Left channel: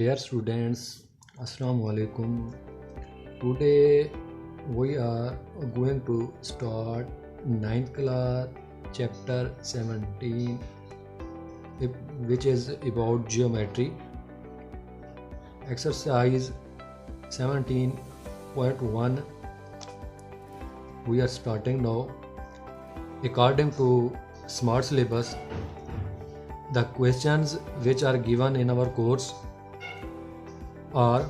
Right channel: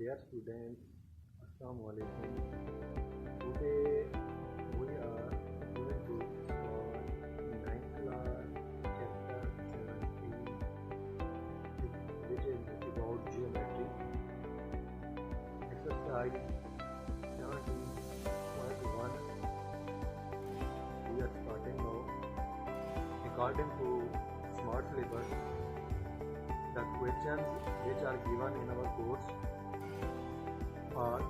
Dear students, Assalamu alaikum. Today we are going to start 9th class chapter 17, which is about geometry. Exercise 17.1. We are starting now. According to Smart Syllabus, the questions which are given in our course are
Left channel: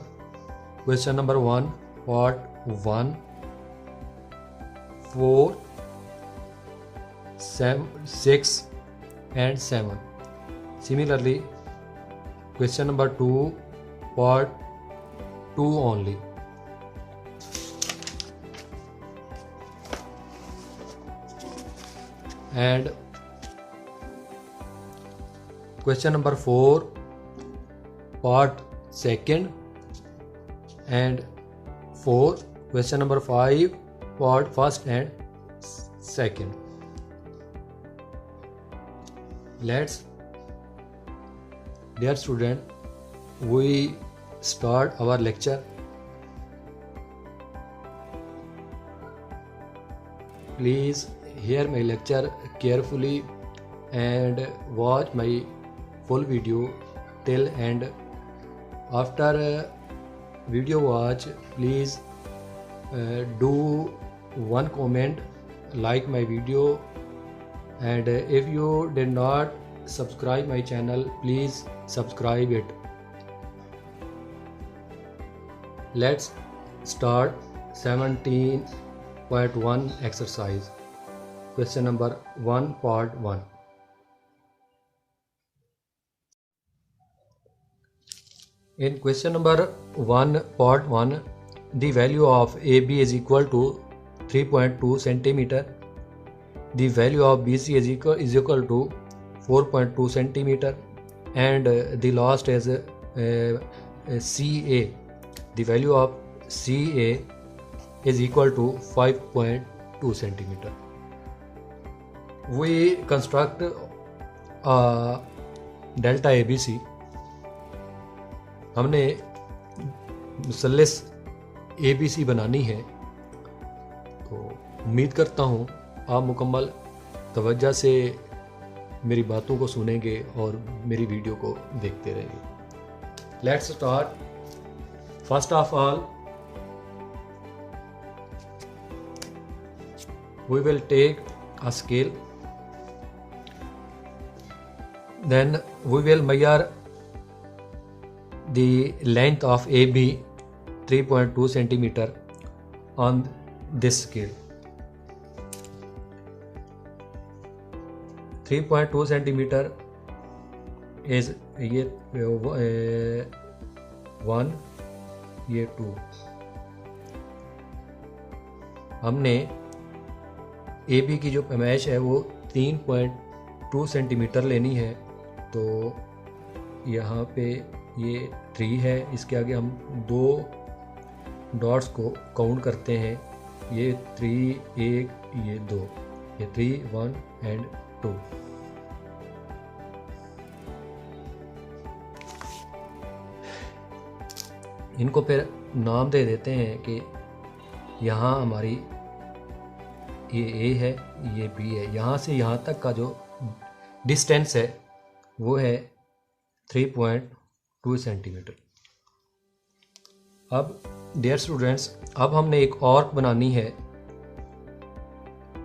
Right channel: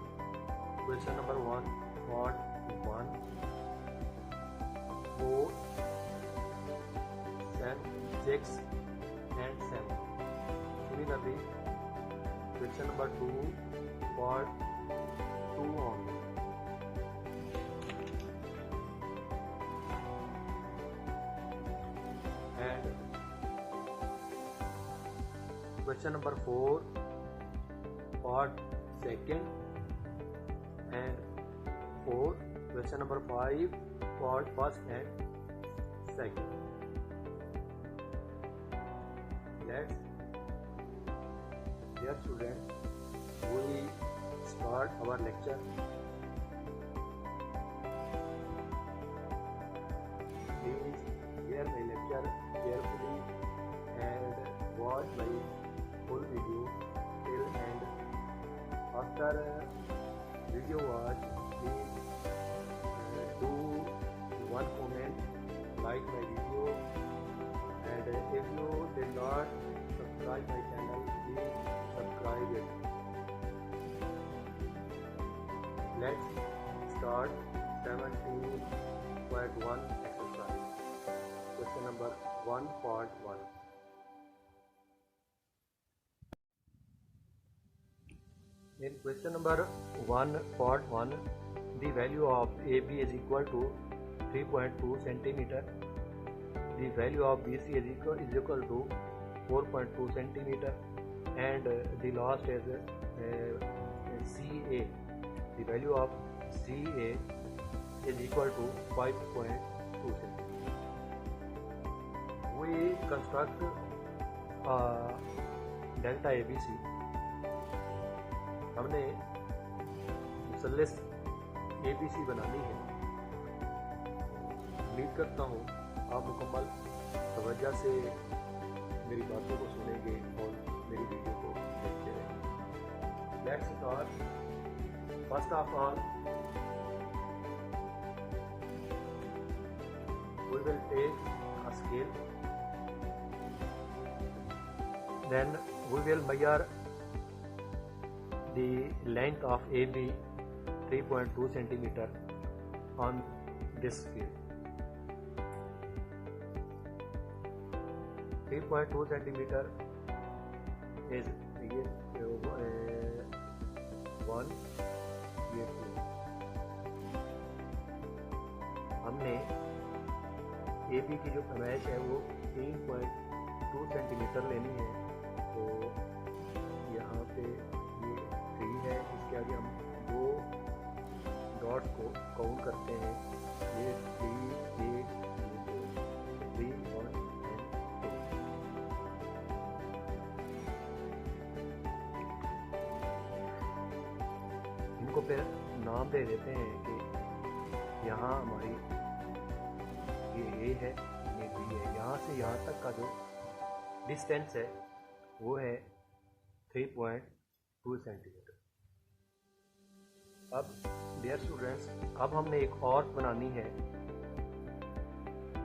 question number 1, part 1, 4, 6 and 7. Similarly, question number 2, part 2 only. And question number 4, part 2nd and 4, question number 5, part 1st and 2nd. Let's, dear student, we start our lecture. Please hear my lecture carefully and watch my full video till end. After video watch, please do one comment, like my video, and if you did not subscribe my channel, please subscribe it. Let's start 17.1 exercise. Question number 1, part 1. In question number 1, part 1, the value of AB is equal to 3.2 centimeter. The value of BC is equal to 4.2 centimeter, and the last is CA. The value of CA is equal to 5.2 centimeter. We construct a delta ABC. हमने मुसल्लस ABC बनानी है, तो उम्मीद करता हूँ आप मुकम्मल तवज्जो से मेरी बातों को सुनेंगे और मेरी वीडियो को देखते रहेंगे. Let's start. First of all, we will take a scale, then we will measure the length of AB 3.2 centimeter on this scale. 3.2 centimeter is ये 1, ये 2. हमने AB की जो पैमाइश है वो 3.2 सेंटीमीटर लेनी है, तो यहाँ पे ये 3 है, इसके आगे हम 2 डॉट्स को काउंट करते हैं. ये 3, 1, ये 2, ये 3, 1 and 2. इनको फिर नाम दे देते हैं कि यहाँ हमारी ये A है, ये B है. यहाँ से यहाँ तक का जो डिस्टेंस है वो है 3.2 सेंटीमीटर. अब डियर स्टूडेंट्स, अब हमने एक आर्क बनानी है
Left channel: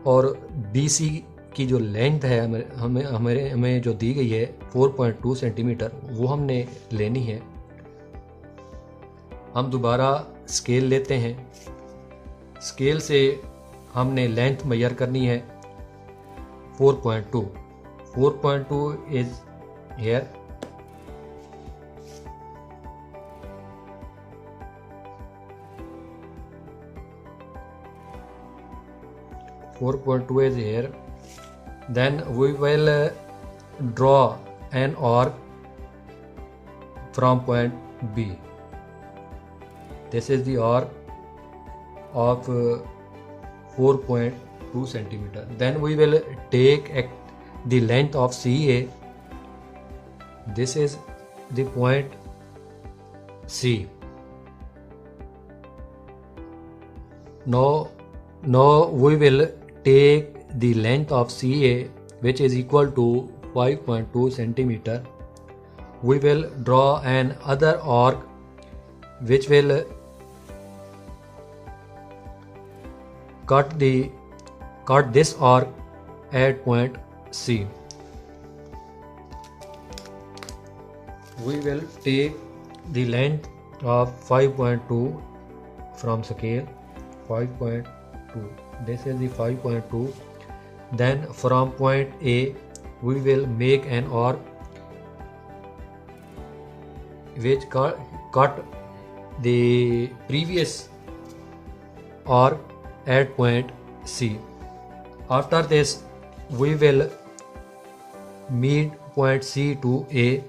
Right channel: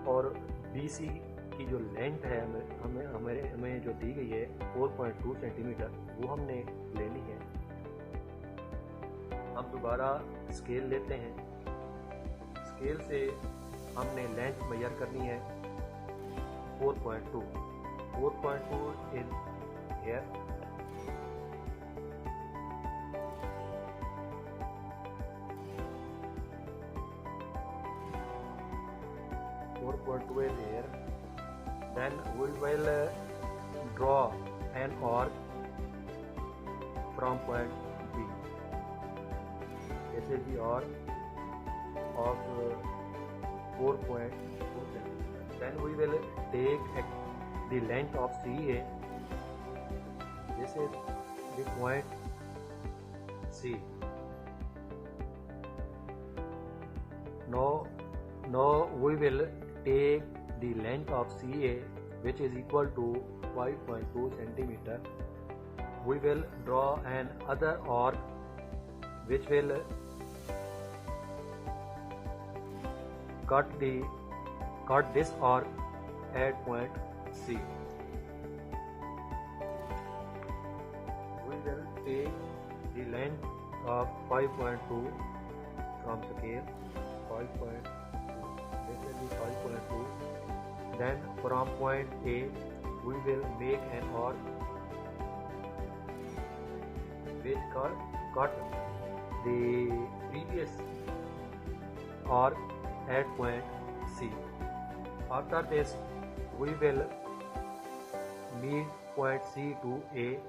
और BC की जो लेंथ है हमें जो दी गई है 4.2 सेंटीमीटर, वो हमने लेनी है. हम दोबारा स्केल लेते हैं. स्केल से हमने लेंथ मेजर करनी है 4.2. 4.2 is here. is here. Then we will draw an arc from point B. This is the arc of 4.2 centimeter. Then we will take the length of CA. This is the point C. Now we will take the length of CA, which is equal to 5.2 centimeter. We will draw an other arc which will cut this arc at point C. We will take the length of 5.2 from scale. 5.2, this is the 5.2. Then from point A we will make an arc which cut the previous arc at point C. After this we will meet point C to A.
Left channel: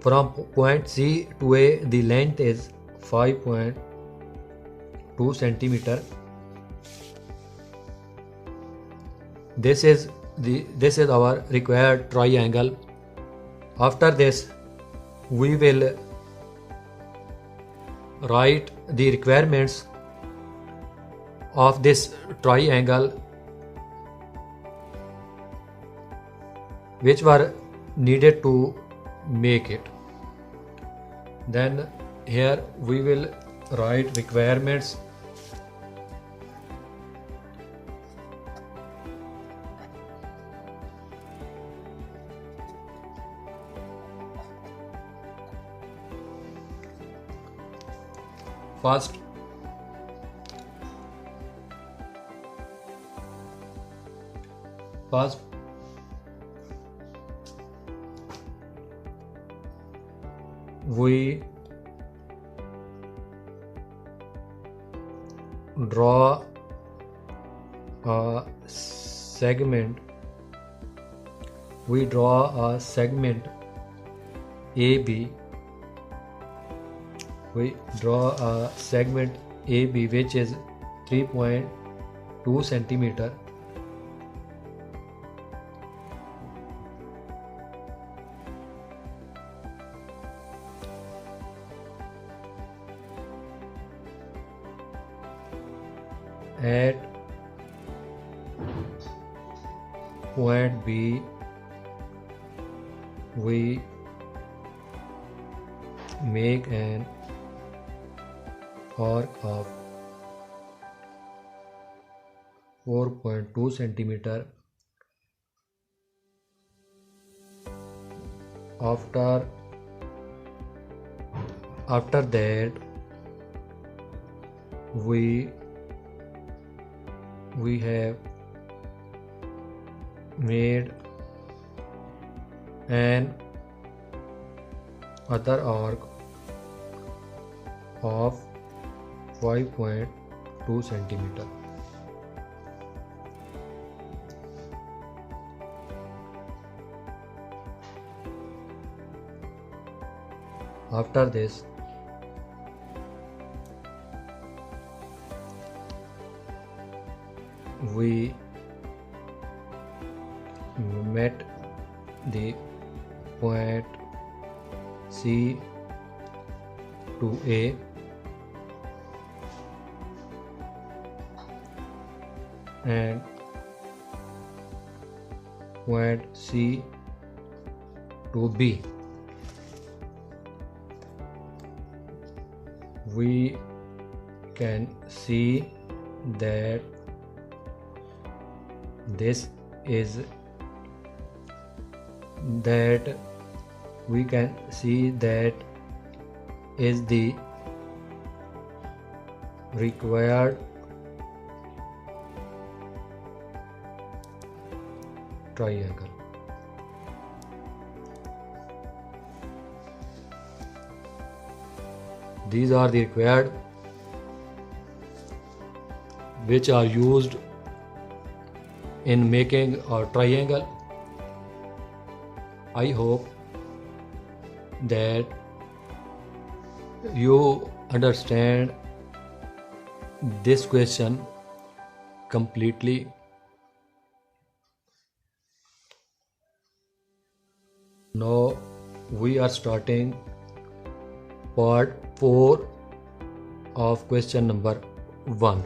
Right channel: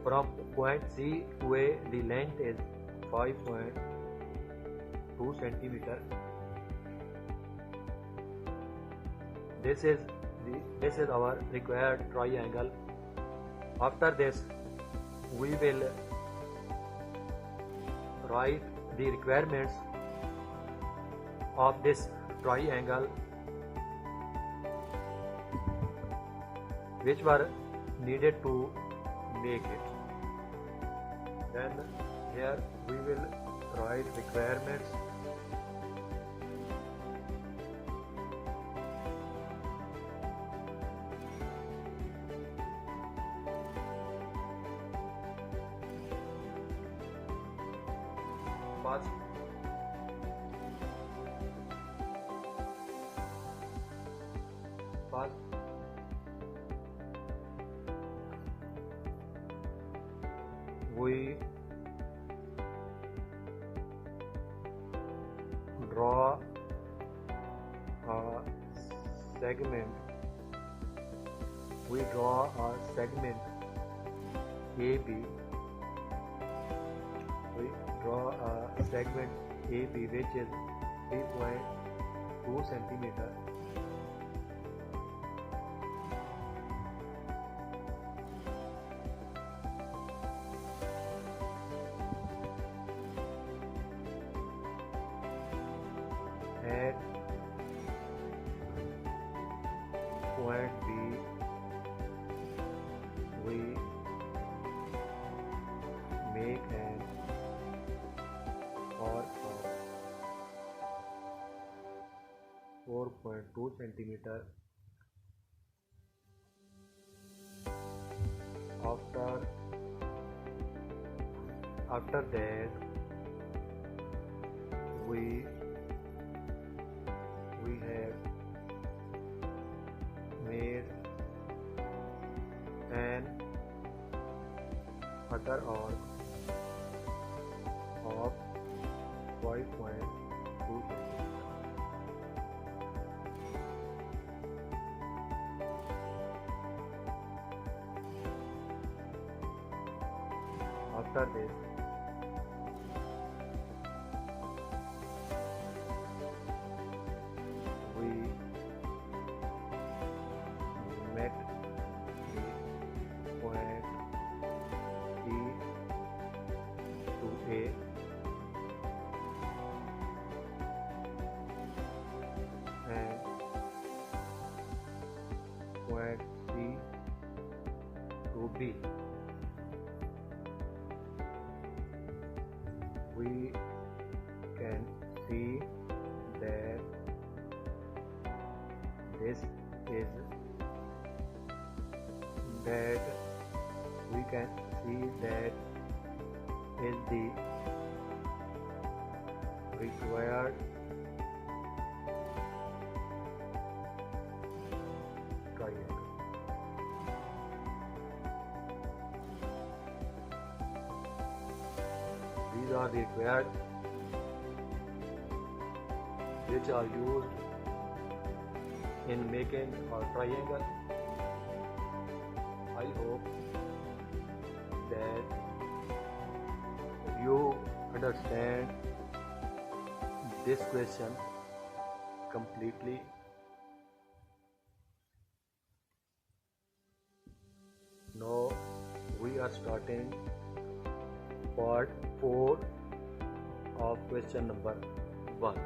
From point C to A, the length is 5.2 centimeter. This is our required triangle. After this, we will write the requirements of this triangle which were needed to make it. Then here we will write requirements. First, we draw a segment. We draw a segment AB. We draw a segment AB which is 3.2 centimeter. At point B we make an arc of 4.2 centimeter. After that we have made an other arc of 5.2 centimeter. After this we met the point C to A and point C to B. We can see that this is the required triangle. These are the required which are used in making a triangle. I hope that you understand this question completely. Now we are starting part 4 of question number 1.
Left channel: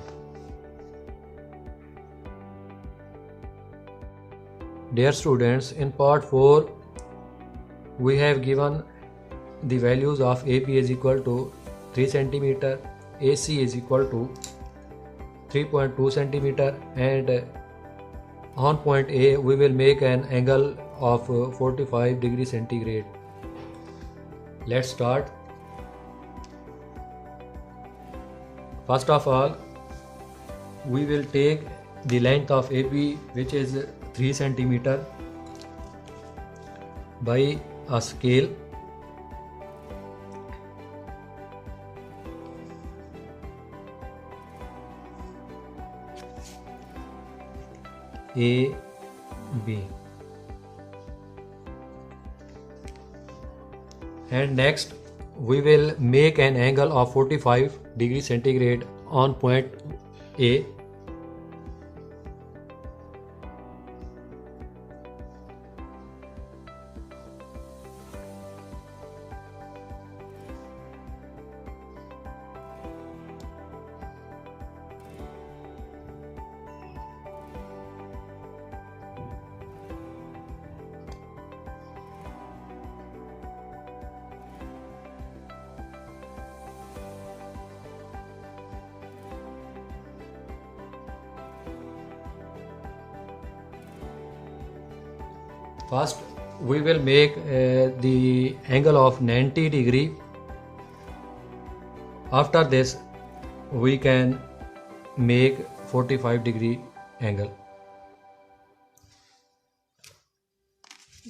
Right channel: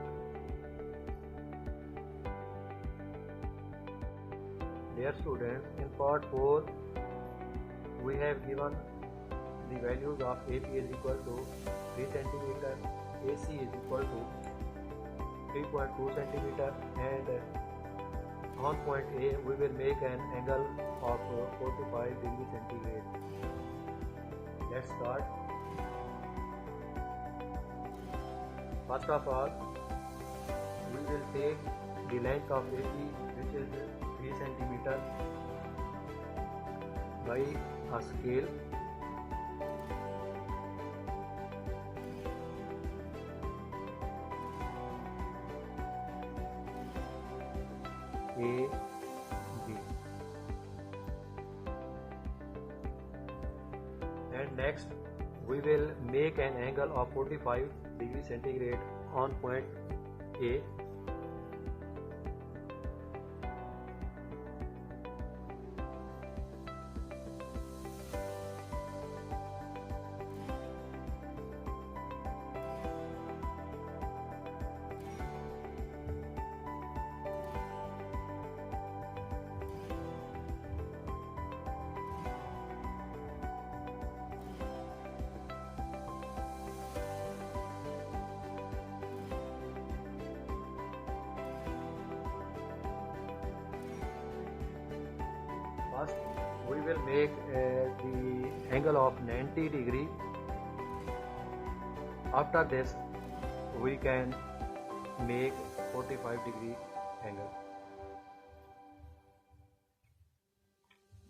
Dear students, in part 4 we have given the values of AP is equal to 3 cm, AC is equal to 3.2 cm, and on point A we will make an angle of 45 degrees centigrade. Let's start. First of all, we will take the length of AP, which is 3 cm, by a scale. A, B. And next we will make an angle of 45 degrees centigrade on point A. First we will make the angle of 90 degree. After this we can make 45 degree angle.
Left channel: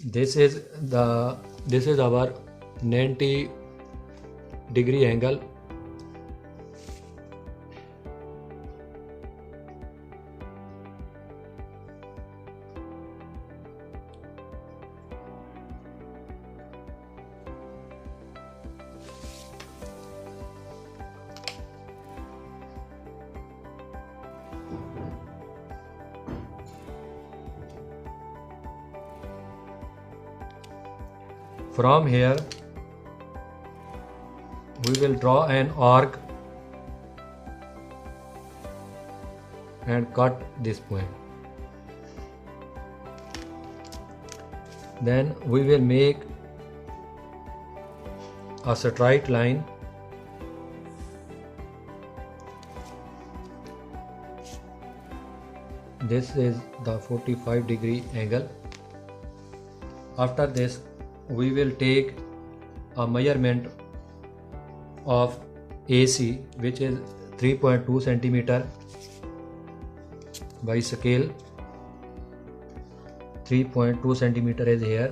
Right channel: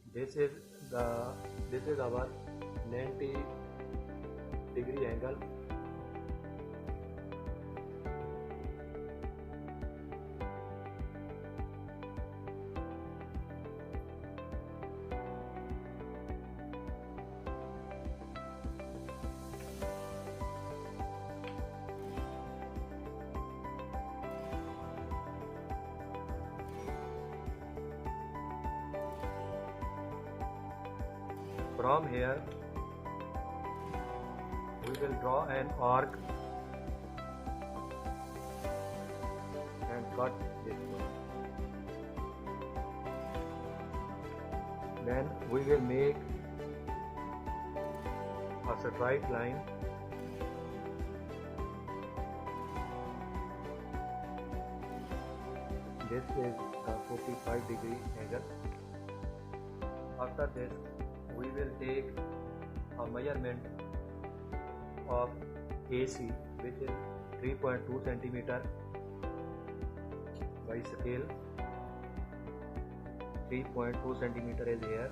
This is our 90 degree angle. From here we will draw an arc and cut this point. Then we will make a straight line. This is the 45 degree angle. After this we will take a measurement of AC, which is 3.2 cm, by scale. 3.2 cm is here.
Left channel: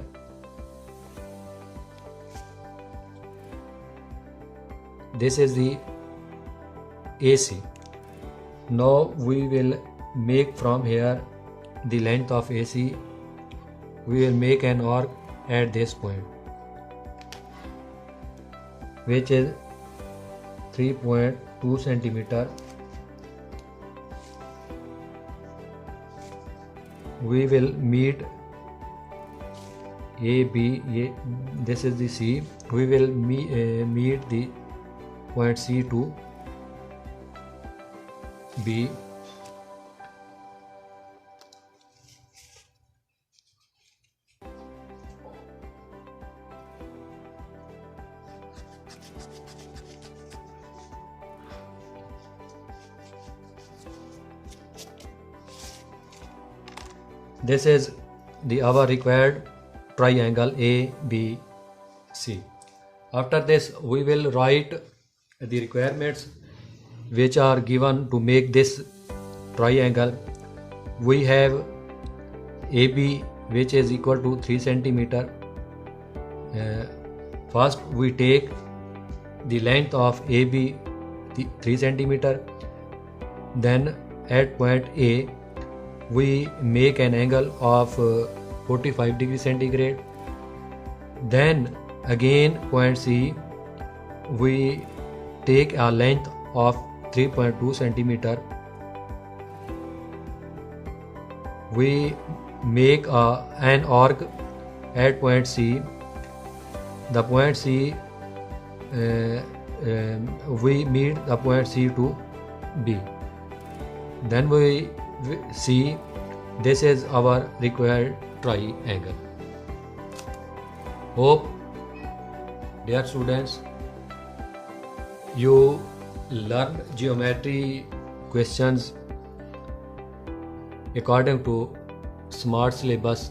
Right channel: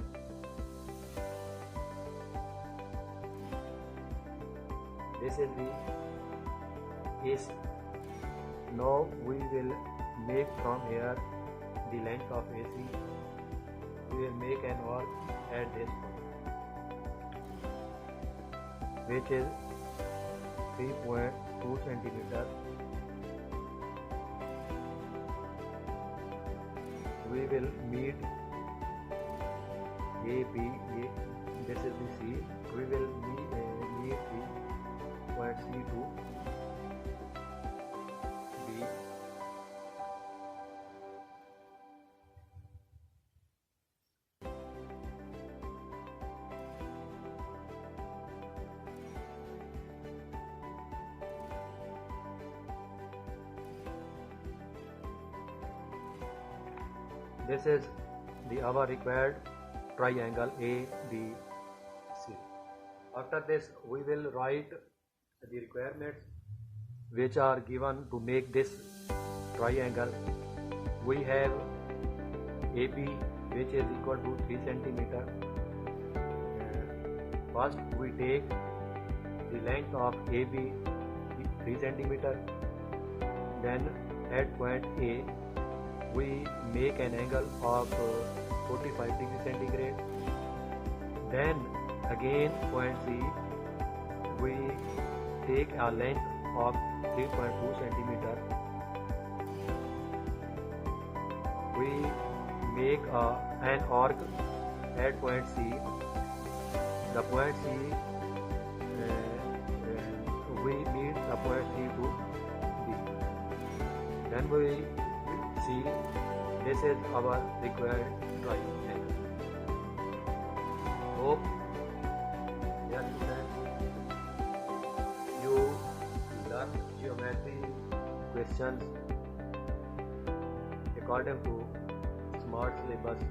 This is the AC. Now we will make from here the length of AC. We will make an arc at this point, which is 3.2 cm. We will meet A, B. This is the C. We will meet the point C to B. This is our required triangle ABC. After this we will write the requirements which are given to make this triangle. We have AB, which is equal to 3 cm. First we take the length of AB, 3 cm. Then at point A we make an angle of 45 degrees centigrade. Then again point C we take a length of 3.2 centimeter. We make an arc at point C the point C, we meet the point C to B. Then we see this is our required triangle. Hope, dear students, you learn geometry questions according to smart syllabus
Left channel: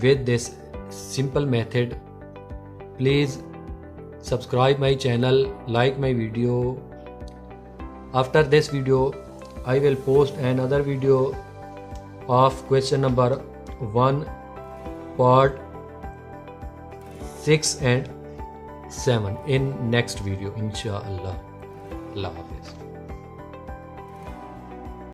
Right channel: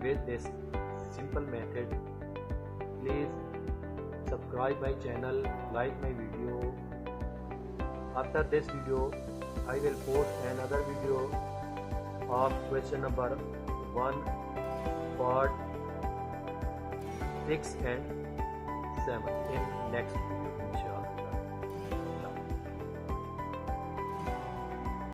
with this simple method. Please subscribe my channel, like my video. After this video I will post another video of question number 1 part 6 and 7 in next video, inshallah. Allah Hafiz.